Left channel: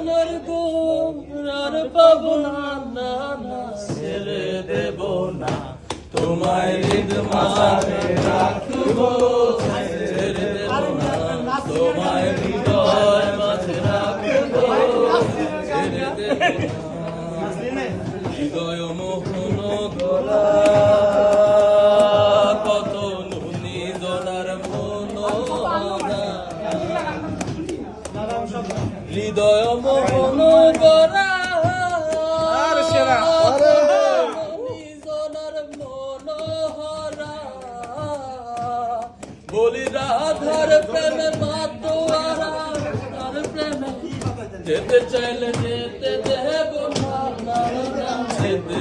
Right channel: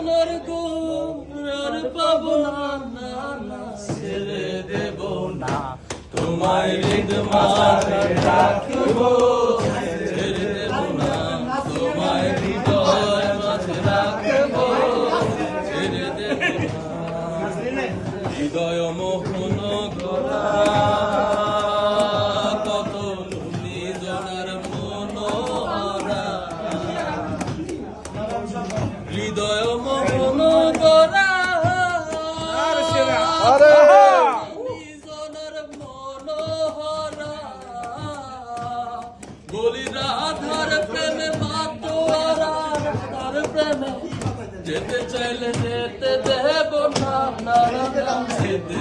সোনার গো আর পাবো না ছেড়ে দেব না, তোমায় হৃদ মাঝে রাখব। দেব না, তোমায় হৃদয় মাঝে রাখব। ছেড়ে দেব হৃদয় মোহন গলা হৃদয় মোহন আরে! মনোহরা। বলি রাধার প্রেমে মাতোয়ারা তার প্রেমে যেতে চাইলে যেতে দেব না, যেতে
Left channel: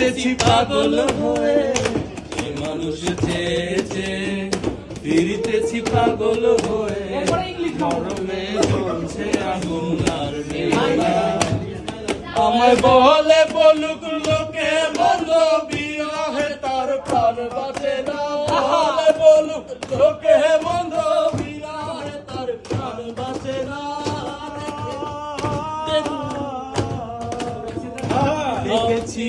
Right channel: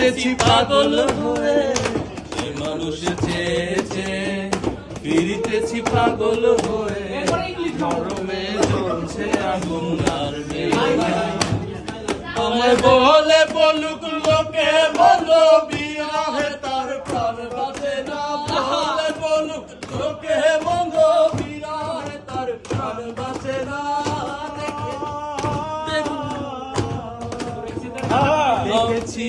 ফিরিতেছি পাগল হয়ে। মানুষ চেয়ে চেয়ে ফিরিতেছি পাগল হয়ে। মরমে চলছে আগুন আর। আমায় বলে বলুক লোকে বলো বিয়াহে তার প্রাণ বাঁচে না। বলে বলুক লোকে বলো বিয়াহে তার প্রাণ বাঁচে না। দেখেছি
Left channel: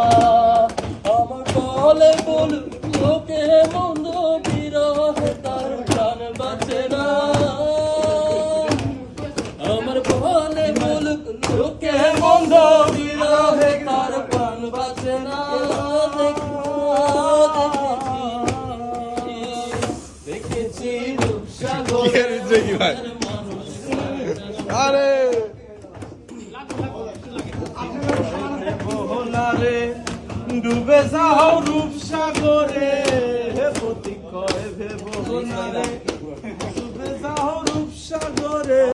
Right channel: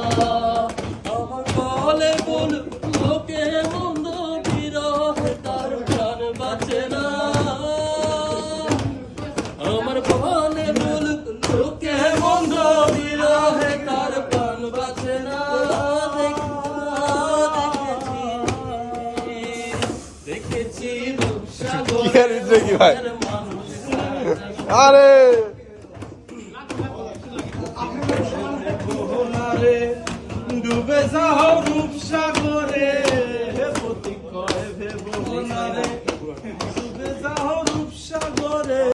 বিহারিদ্রোহী ভাই আরে। ডুবে যাও রূপ সাগরে প্রতীক কয় ভেব ডুবে যাও রূপ সাগরে